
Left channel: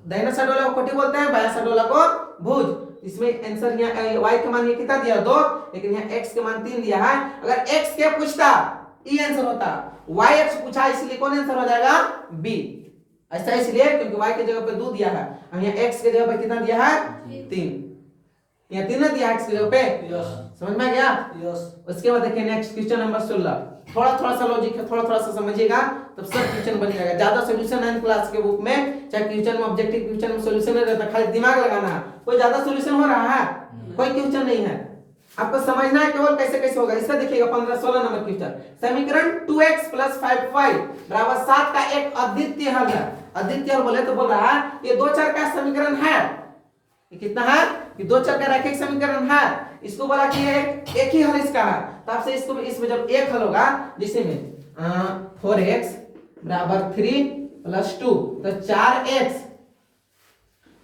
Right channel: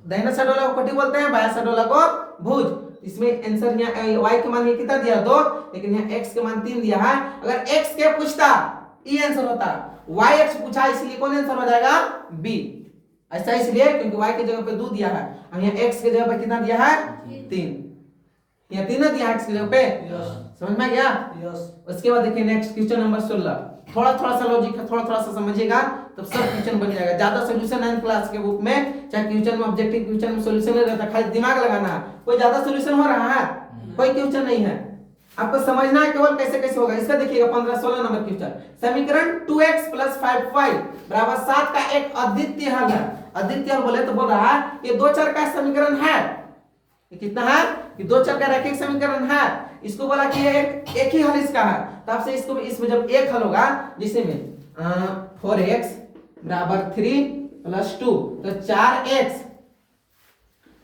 दाहिना साइड वाला को कोटि बोलते हैं, बायां साइड वाला को भुज। इसमें आंसर यहाँ y के मान ये कितना दिया 2, लेकिन यहाँ x के मान 3 दिया है। अगर x के पूछता ये आंसर होता, y अक्ष पूछा इसलिए कौन आंसर हो जाएगा b, ऐसा इसलिए क्योंकि y की जगह पे 2 दिया है, और यहाँ x के जगह पे कितना दिया है 3, यहाँ 3 दिया है x की जगह पे, समझ में आ गया। उसके बाद देखिए नेक्स्ट क्वेश्चन नंबर 16, थोड़ा सा लॉजिक है, थोड़ा सा समझिएगा तब सब क्वेश्चन बन जाएगा। ज्यादा सॉल्यूशन 9th क्लास के बुक में, चाहे क्वेश्चन में ऑब्जेक्टिव क्वेश्चन में सॉल्यूशन नहीं रहता, खाली दिमाग लगाना है, कोई ज्यादा सॉल्यूशन हो रहा है, कोई क्वेश्चन नहीं है, आपको समझना है केवल कैसे कैसे होगा। इसका देखिएगा 15-16 नंबर क्वेश्चन, समीकरण 2x प्लस 5y बराबर 7 का एक अद्वितीय हल है। अद्वितीय हल बोले तो बोल रहा है ये दो चर का समीकरण है, ये कितना है, ये दो चर का रैखिक समीकरण है, इसको बोला कि एक ही हल इसका है, तो आपसे इसको इसमें जब एक हल होगा जिसमें 4x बराबर 3 प्लस 2 तो 4x,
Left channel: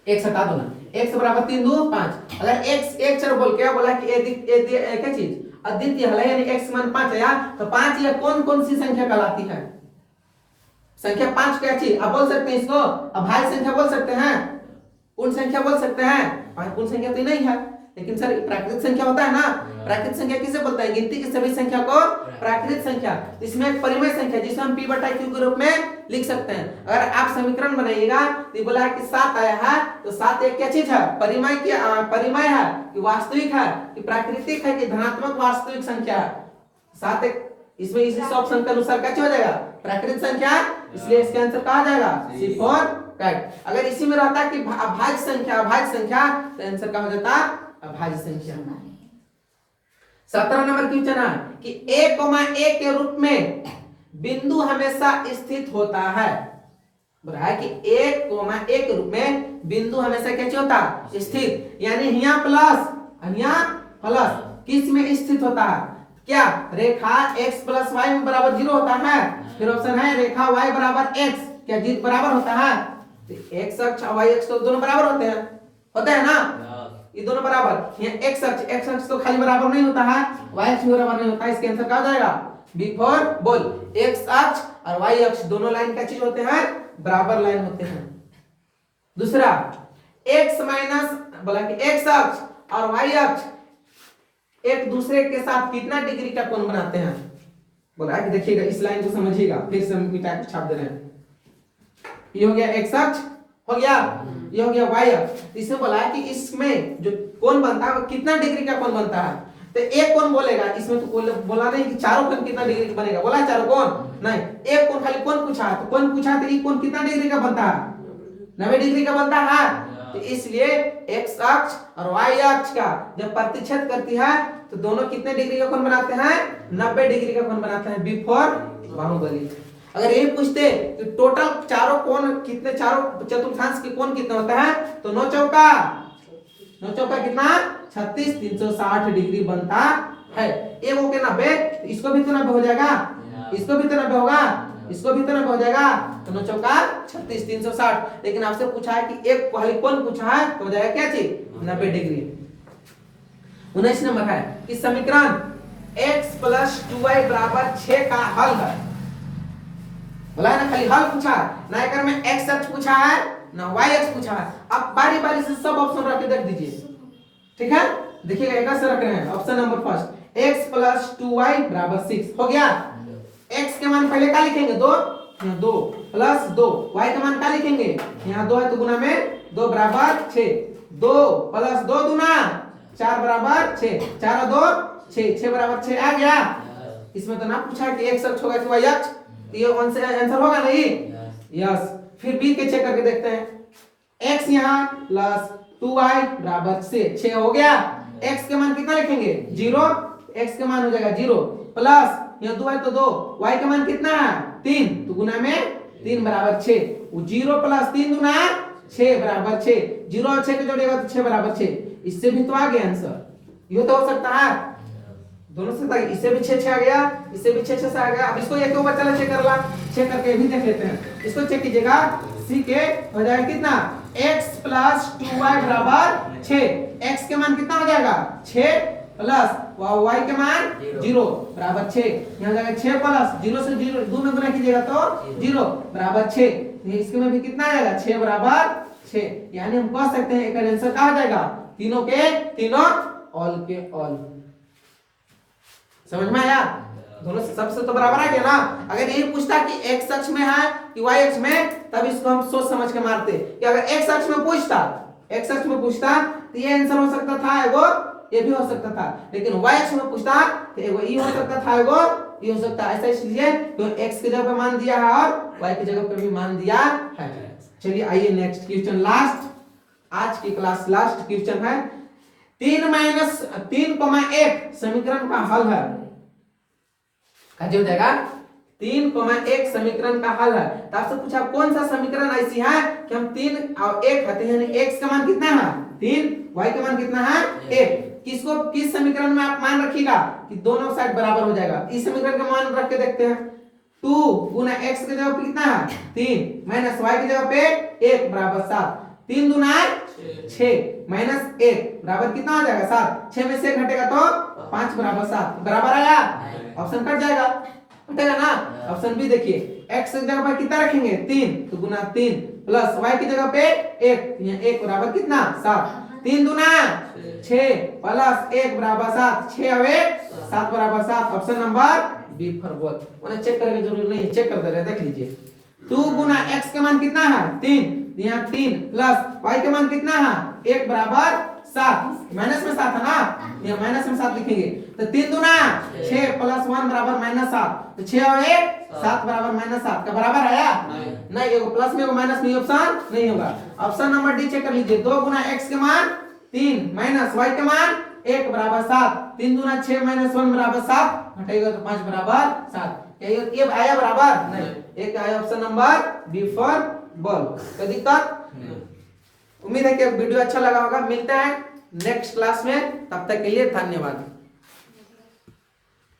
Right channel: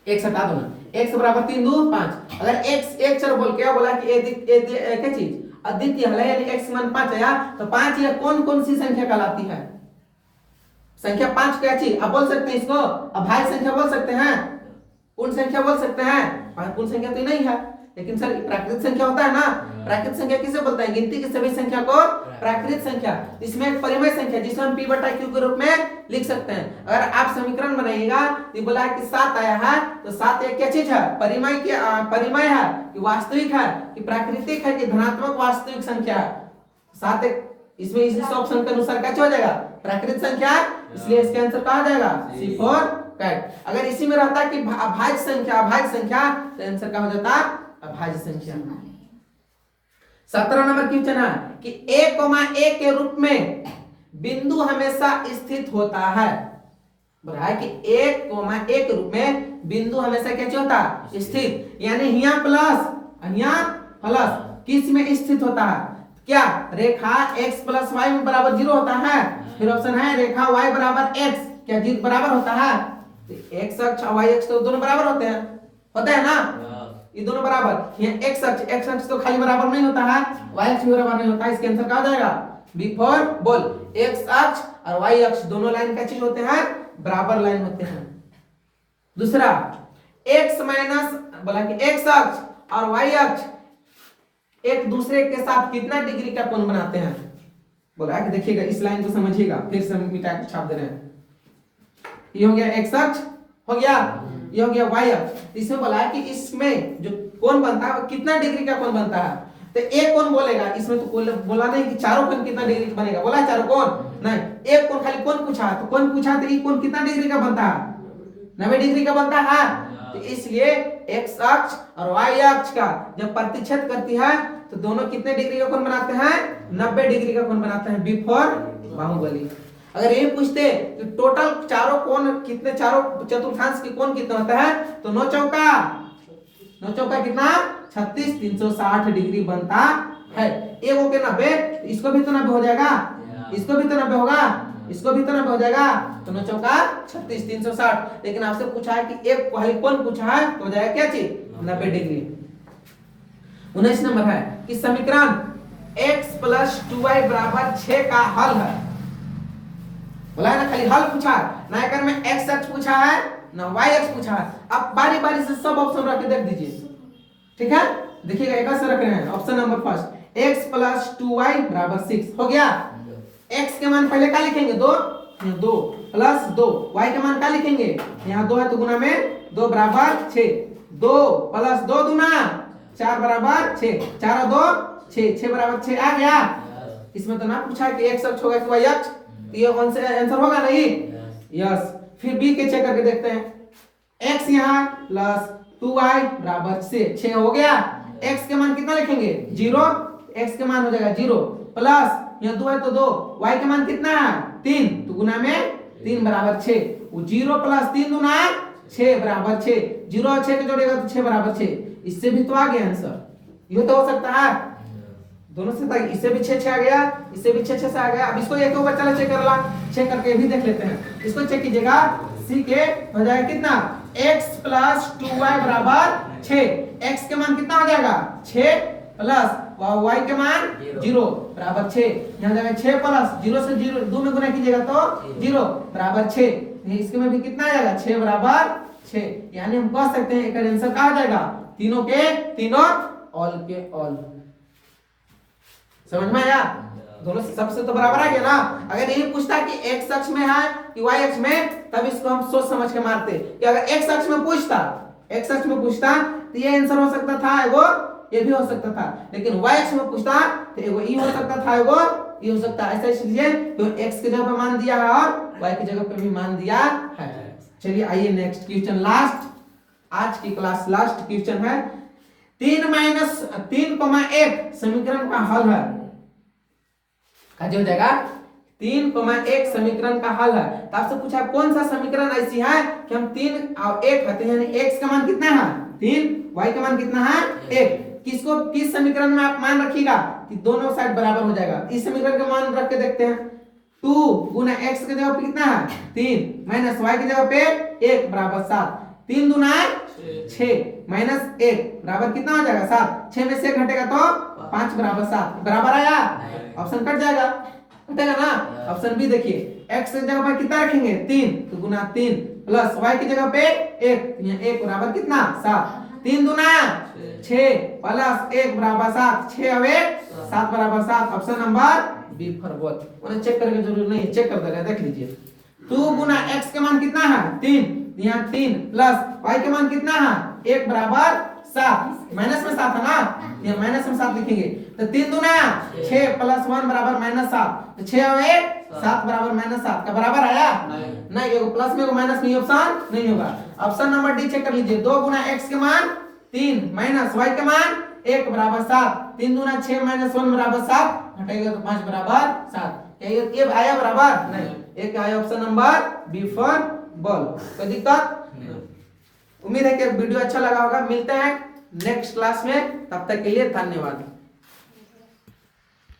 x हटा दो ना, x बराबर 3 2 5, अगर x एक चर बोल के बोला कि एक चीज अद्वितीय हल है यानी x मान 5 आया, तो 5 या कौन कौन सी संख्या कहलाती है, संख्या 5 क्या चीज आप बोल सकते हैं, इसको अभाज्य संख्या बोल सकते हैं, पूर्ण संख्या बोल सकते हैं, पूर्ण संख्या तो नहीं है, लेकिन सर प्राकृतिक संख्या होता है ना, प्राकृतिक संख्या किसे बोलते हैं? गिनती की सभी संख्या को प्राकृतिक संख्या। इसमें एक परिमेय संख्या जिसे हम p बटा q के रूप में लिख सकते हैं। अगर आप समीकरण बनाइएगा तो बोला है कि 7 आया है, तो 7 एक क्या चीज है? परिमेय की परिमेय है कि वास्तविक है कि प्राकृतिक है कि धनात्मक वास्तविक संख्या है? 7 एक इसमें इस ऑप्शन के अनुसार क्या हो जाएगा? प्राकृतिक संख्या, इसलिए इसका आंसर क्या हो जाएगा? C4 correct. अगर इसी में रहता कि अभाज्य संख्या तो आंसर क्या हो जाता? अभाज्य संख्या। 17 नंबर क्वेश्चन है कि a, a के रूप में बिंदु हमेशा स्थित होता है। बोला है कि a, a के रूप में बिंदु हमेशा क्या होता है? स्थित, यानी यहाँ प्लस किस में स्थित होता है? क्या रेखा x प्लस वाई में बराबर 0 होता है? फिर ऑप्शन है रेखा y बराबर x क्या बराबर होता है? तो x अक्ष और y अक्ष तो दोनों बराबर होते हैं ना? ये दोनों बराबर। यहाँ x अक्ष तो खाली बराबर नहीं होता है, y अक्ष भी बराबर नहीं होता है। इसके आंसर क्या हो जाएगा? B4 बोल। x अक्ष और y अक्ष दोनों लाइन क्या चीज होते हैं? बराबर लाइन होते हैं। दूसरा x माइनस बोला कि x अक्ष और y अक्ष एक दूसरे के साथ कितना डिग्री का कोण बनाते हैं? बोला है कि देखिएगा इस लाइन को समझिएगा, फिर से मिटा के छाप दे रहे हैं। ये हो गया x अक्ष, हो गया ये हो गया y अक्ष। इसमें बोला है कि इसमें जो कोण बनता है वो कितना डिग्री का कोण बनता है? तो एक कोण बोलेगा, इसमें तो बोला नहीं कि चारों कोण कितना डिग्री का बनेगा। बोला है चारों कोण नहीं, एक कोण खाली कोण पूछा है, तो कोण पूछा तो ये कोण कितना डिग्री का बनता है? 90 डिग्री का बनता है। तो इसलिए x अक्ष और y अक्ष का जब प्रतिच्छेद करती है तो दोनों कितने डिग्री का कोण बनाते हैं? 90 डिग्री का कोण बनाते हैं। B4 बाहुबली। अगर ये पूछते कि टोटल चारों कोण कितने, चारों चतुर्थांश के कोण कितना होता है? तो 9 चौका कितना? 36, 360 डिग्री बनता है। एक हो के 90, इसको भी तो 90 हो जाएगा, इसको भी तो 90 होगा, इसको भी तो 90 हो जाएगा। तो 9 चौका 36, 360। लेकिन आपसे पूछा है कि एक कोण पूछा है तो हो जाएगा क्या चीज? 90 डिग्री। 19 नंबर है कि समीकरण x प्लस 2y बराबर 6 का हल है। बोला है ना, खाली हल पूछा, ना कर में x अक्ष पूछा है ना y अक्ष पूछा है। अब बारी बारी से सब ऑप्शन रख के देख दीजिए, ठीक है? देखिएगा एक से रख रहे हैं। Option number first x plus 2y बराबर 6 हो गया। x के मान पहले क्या लिखेंगे? 2 प्लस 2, y का मान क्या लिखेंगे? यहाँ 2 है तो गुना में 2 बराबर 6, 2 प्लस 2 दूना 4 बराबर 6, 4 और 2 6, 6 बराबर 6 आ गया। इसमें तो ना पूछा है कि x अक्ष होगा कि y अक्ष, ये आंसर होगा नहीं? यस। फिर b के चेक करके देखते हैं। x यहाँ प्लस 2y बराबर 6 हो गया। x के मान कितना लिखेंगे? 0, x के मान हो जाएगा 0 प्लस यहाँ 2 है तो 2, y का मान कितना है? 3, तो गुना में 3 बराबर 6, 0 प्लस 3 गुना 6 बराबर 6, 0 और 6 को जोड़ेगा तो 6 बराबर 6। इससे भी तो आ गया आंसर, ये तो हो सकता है दोनों से। इससे भी 6 आ गया, इससे भी 6 से आ गया। अब इसको एक बार चलो चेक करके भी देख लेते हैं। इसको चेक कीजिएगा, सी के हो जाएगा कितना? x प्लस 2y बराबर 6। x के मान कितना हो जाएगा? 6 प्लस y के मान 0 बराबर 6। यहाँ जाएगा 6 प्लस 0 से 0 2 में गुना कीजिएगा तो 0 बराबर 6। इसके में भी कितना आ जाएगा? 6 बराबर 6। यानी हम कह सकते हैं इसका आंसर क्या आ जाएगा? तीनों के तीनों, ऑल के ऑल। समझ में आया? दोनों सबसे तो बराबर आ गया ना। अगर यही पूछता कि x अक्ष में है कि y अक्ष में, तब इसको हम सोच समझ के मारते कि अगर x अक्ष में पूछता तो ये आंसर हो सकता था, एगो ये भी हो सकता था। लेकिन y अक्ष में पूछता तो एगो ये हो सकता था, एगो ये हो सकता है। ऐसा इसलिए तो x की जगह पे मान दिया है और y की जगह पे भी मान दिया है। चलिए आइए नेक्स्ट क्वेश्चन, लास्ट आज की क्लास लास्ट क्वेश्चन है। 3 माइनस 3,1 समीकरण का हल है। क्या हो जाएगा? 3,1 समीकरण का हल है। तो आपसे पूछा कौन सा समीकरण ऐसी है कि हम 3 और 1 है, यानी x का मान कितना है? 3, y का मान कितना है? 1। किसको किस समीकरण में आप मान रखिएगा कि दोनों साइड बराबर हो जाएगा। इस समीकरण का मान रख के देखते हैं। 2 गुना x की जगह पे कितना है? 3 माइनस y की जगह पे 1 बराबर 7। 3 दूना 6 माइनस 1 बराबर कितना हो जाएगा? 7। 6 में से घटेगा तो 5 बराबर 7 बराबर आया। ऑप्शन कट जाएगा, कटेगा ना। ऑप्शन बी देखिए, x की जगह पे कितना रखेंगे? 3, तो गुना 3 प्लस y की जगह पे 1, तो यहाँ 1 बराबर कितना? 7। 3 दूना 6 प्लस 1 बराबर 7, 6 और 1 7 बराबर 7। Option number B for both. उन्हें चेक करने की जरूरत नहीं है, चेक कर दे रहे, देख लीजिए। 2 गुना x के मान कितना है 3, यहाँ 3 प्लस y के मान कितना है 1 बराबर 7, माइनस में 7 है ना, ये माइनस में 7 लिखेंगे। तो 3 दूना 6 प्लस 1 बराबर -7, तो 6 और 1 7 बराबर -7 का बराबर आया नहीं, एगो प्लस में एगो माइनस में ऑप्शन नहीं होगा। ऑप्शन नंबर डी चेक कर लीजिए। 2 गुना x के मान 3 माइनस y के मान 1 बराबर 7, 3 दूना 6 माइनस 1 बराबर 7, घटाएगा तो 5 बराबर 7। ये आया बराबर नहीं, एक आया option number B for ball. कोई दिक्कत? उम्मीद है कि वीडियो अच्छा लगा होगा। मिलते हैं नेक्स्ट क्लास में, तब तक के लिए धन्यवाद।